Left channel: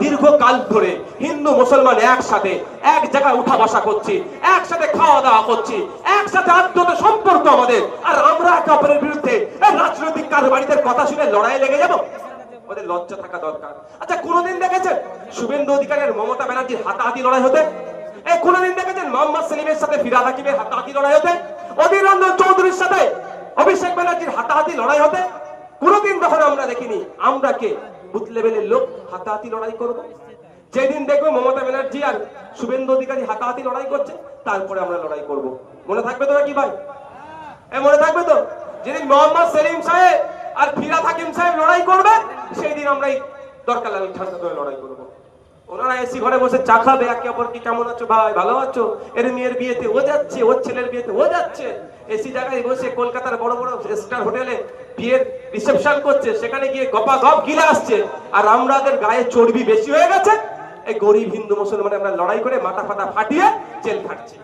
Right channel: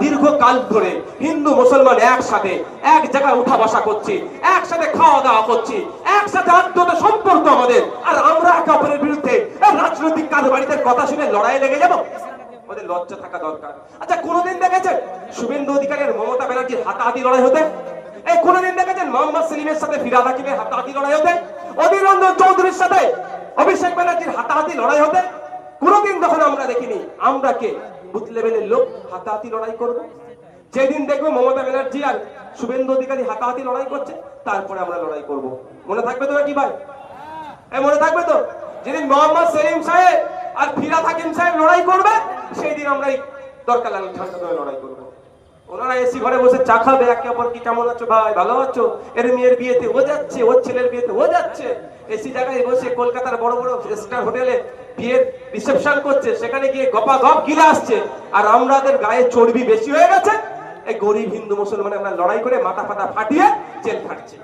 দীর্ঘকাল ধরে হিন্দু মুসলমান একসাথে এক জায়গায় উঠা বসা করছি, একসাথে খাওয়া দাওয়া করছি, একসাথে আত্মত সম্পর্ক আমাদের, আর আমরা একে অপরের বিরুদ্ধে রাজনৈতিক কারবারিদের কথা শুনে লড়াই লেগে যাব? আমাদের লজ্জা থাকা দরকার। আচ্ছা, কোনোদিন দেখেছেন শুভেন্দু অধিকারীর মমতা ব্যানার্জির হাতাহাতি লড়াই হতে? এই কোনোদিন দেখেছেন মোহাম্মদ সেলিমের সাথে ফিরহাদ হাকিমের হাতাহাতি লড়াই হতে? অধীর রঞ্জন চৌধুরীর সাথে অভিষেক ব্যানার্জির হাতাহাতি লড়াই হতে? কোনোদিন তখন আমরা দেখিনি। আমরা কে বুথ লেভেলের লোক হাতাহাতি লড়াই করব? যেদিন দেখবো মমতা ব্যানার্জি আর শুভেন্দু অধিকারী হাতাহাতি লড়াই করছে, তারপরে আমরা লড়াই করব। মনে থাকবে তো কি ভাই? মনে থাকবে তো? যেদিন মোহাম্মদ সেলিম সাহেব আর ফিরহাদ হাকিম সাহেব লড়াই করবে, সেই দিন আমরা দরকার লাগলে লড়াই করবো। ওনারা এসি ঘরে বসে চা খাবে, একে অপরকে কেমন আছো ভাই, ভালো আছো, এর মেয়ের বিয়েতে ও যাচ্ছে, ওর ছেলের বিয়েতে ও যাচ্ছে, এসি জায়গায় বসে কলকাতার বড় বড় স্টার হোটেলে বিয়ের রিসেপশন করছে, সেখানে গিয়ে গপা গপ গিলে আসছে। আর আমাদের গায়ে চর্বি বেশি হয়ে গেছে, এই গরিব হিন্দু মুসলমান আমরা লড়াই করে মাথা ফাটা ফাটিয়ে জেল খাটছি।